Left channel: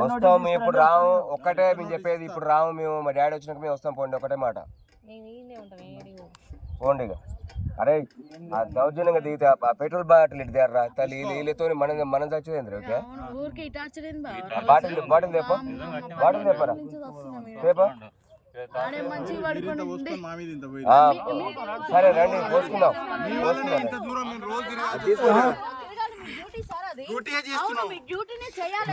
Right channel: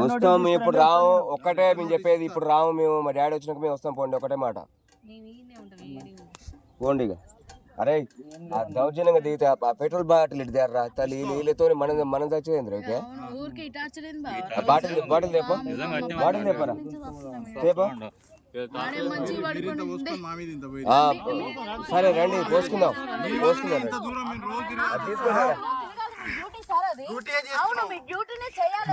వస్తాం ఇప్పుడు రాము ఒక్కటే మేము చెప్పేది. ఇప్పుడు రాము మేము, మా డాడీ వచ్చినాక మేము వస్తాం. పోండి ఒకటే మాట, పోండి. ఇక అరే దౌర్జన్యంగా దిగితే పెట్రోల్ బాటిల్ ఇటు దగ్గర తల్లి వీళ్ళతో మనం చచ్చేది. ఓకే బాటిల్ తెప్ప, బాటిల్ తెప్పరా, తెప్ప. సరే రండి పోసుకుందాం.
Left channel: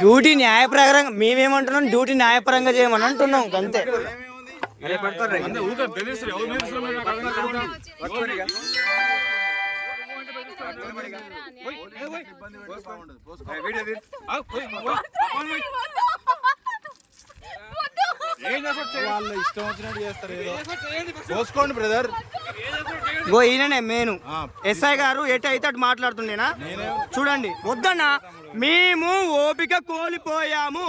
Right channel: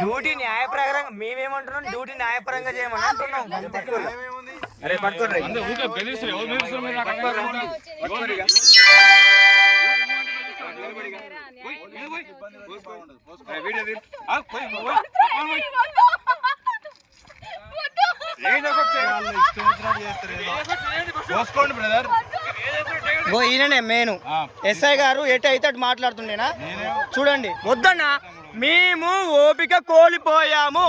డ్యూటీ న్యాయప్రకారంగా మేమేమంటున్నాం, డ్యూటీ న్యాయపరంగా చేయమని అంటున్నాం అంతే. అరే పట్టుకోండి పోసుకోండి బ్రదర్. ఈయననే మెయిన్ ఎస్ఐ గారు ఎటు అయితే అటు మాట్లాడుతుండేనా చూడండి. వద్దన్నా, మేము ఓపిక కోల్పోయాము.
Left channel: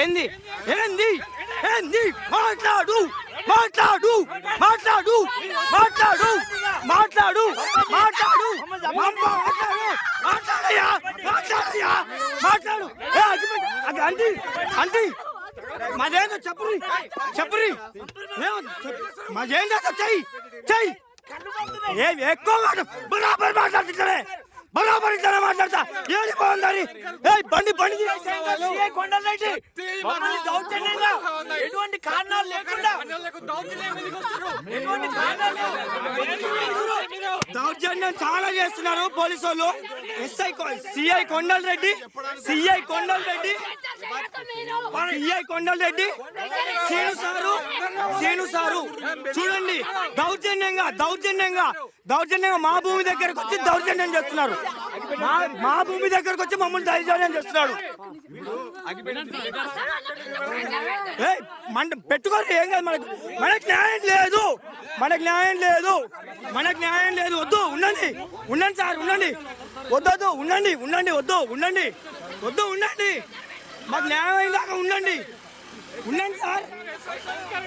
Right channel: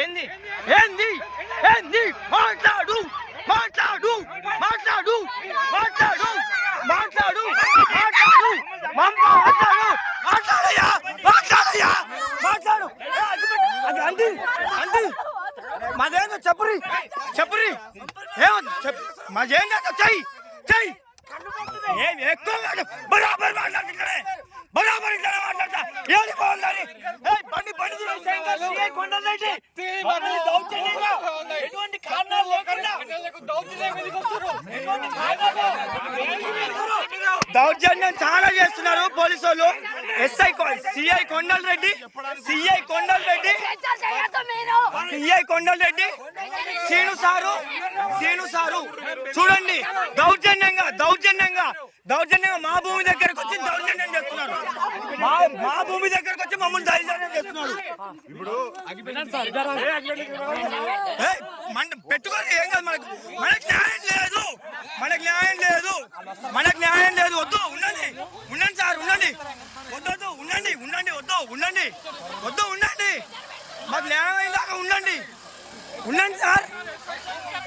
ఏంది ఏంది ఏంది మాట్లాడు మాట్లాడు మాట్లాడు మాట్లాడు మాట్లాడు మాట్లాడు మాట్లాడయ్యా మాట్లాడయ్యా మాట్లాడు. అంటీ అంటీ మాదేందో చెప్పురి చెప్పురి మాదేం చేస్తా చెయ్యి చెయ్యి. ఏం ఎక్కువ బరాబర్ మాట్లాడుతుంటే బరాబర్ ఇట్లా మాట్లాడతా. ఏది బాగుందని బండి బండి ఎటువంటి కారణాలు లేకుండా దౌర్జన్యం చాలా చేస్తున్నారు పోలీసు వాళ్ళు. సిఐ కొండల్ రెడ్డి శ్రీను సారు చూడండి. దౌర్జన్యంగా మా భూమి దగ్గరకు వచ్చి దౌర్జన్యం చేస్తున్నారు. మా భూమి దగ్గరకు వచ్చి మమ్మల్ని దౌర్జన్యం చేస్తున్నాడు. పెట్టుకోండి, ఏం కాదు. మనకు న్యాయం లేదు. వద్దు ఉండండి సార్, ఉండండి. వద్దు ఉండండి. మాకు న్యాయమైన దాకా ఉండండి సార్,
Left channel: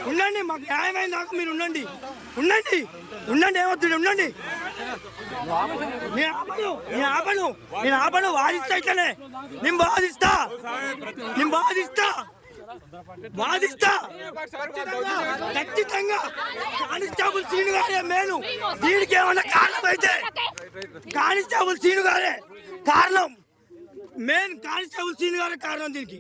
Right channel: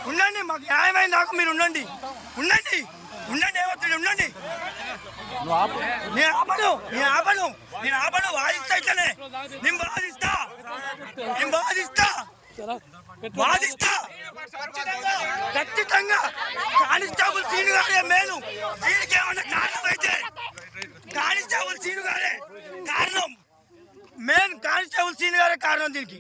ఉండండి. మాకు న్యాయమైన దాకా మీరు ఉండండి. ఏమవుతుంది ఉండండి. నేను ఆపను. వాదిస్తా ఇట్లనే. నేను వాదిస్తా ఖచ్చితంగా. కానిస్టేబుల్ సీను గారే మేలు. దీనికి ఏమన్నా కారణం అయితే కానిస్టేబుల్ సీను గారే కారణం. మెయిన్ కానిస్టేబుల్ సీను గారే కారణం దీనికి.